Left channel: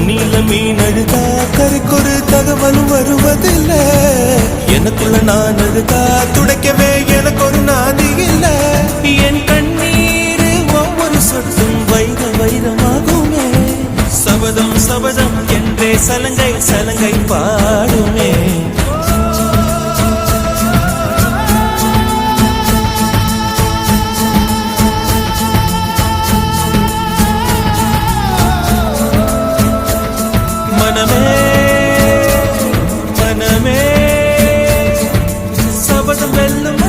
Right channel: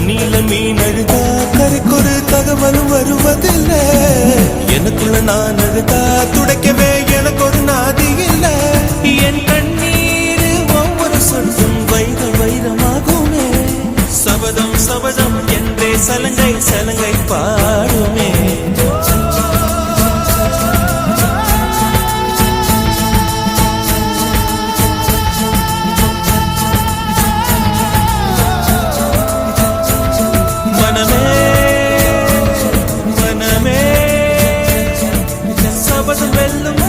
தண்ணியில மீன் அழுதா கரைக்கொரு தகவலும் வருவதில்ல. எனக்குள்ள நான் அழுதா துடைக்கவே எனக்கு ஒரு நாதி இல்ல. என் கண்ணீர் ஒவ்வொரு சொட்டும் வைர வைரமாகுமே. சபதம் சபதம் என்றே சலங்கை சலங்கை பாடுமே. மனமே மனமே சபதம் வெல்லும்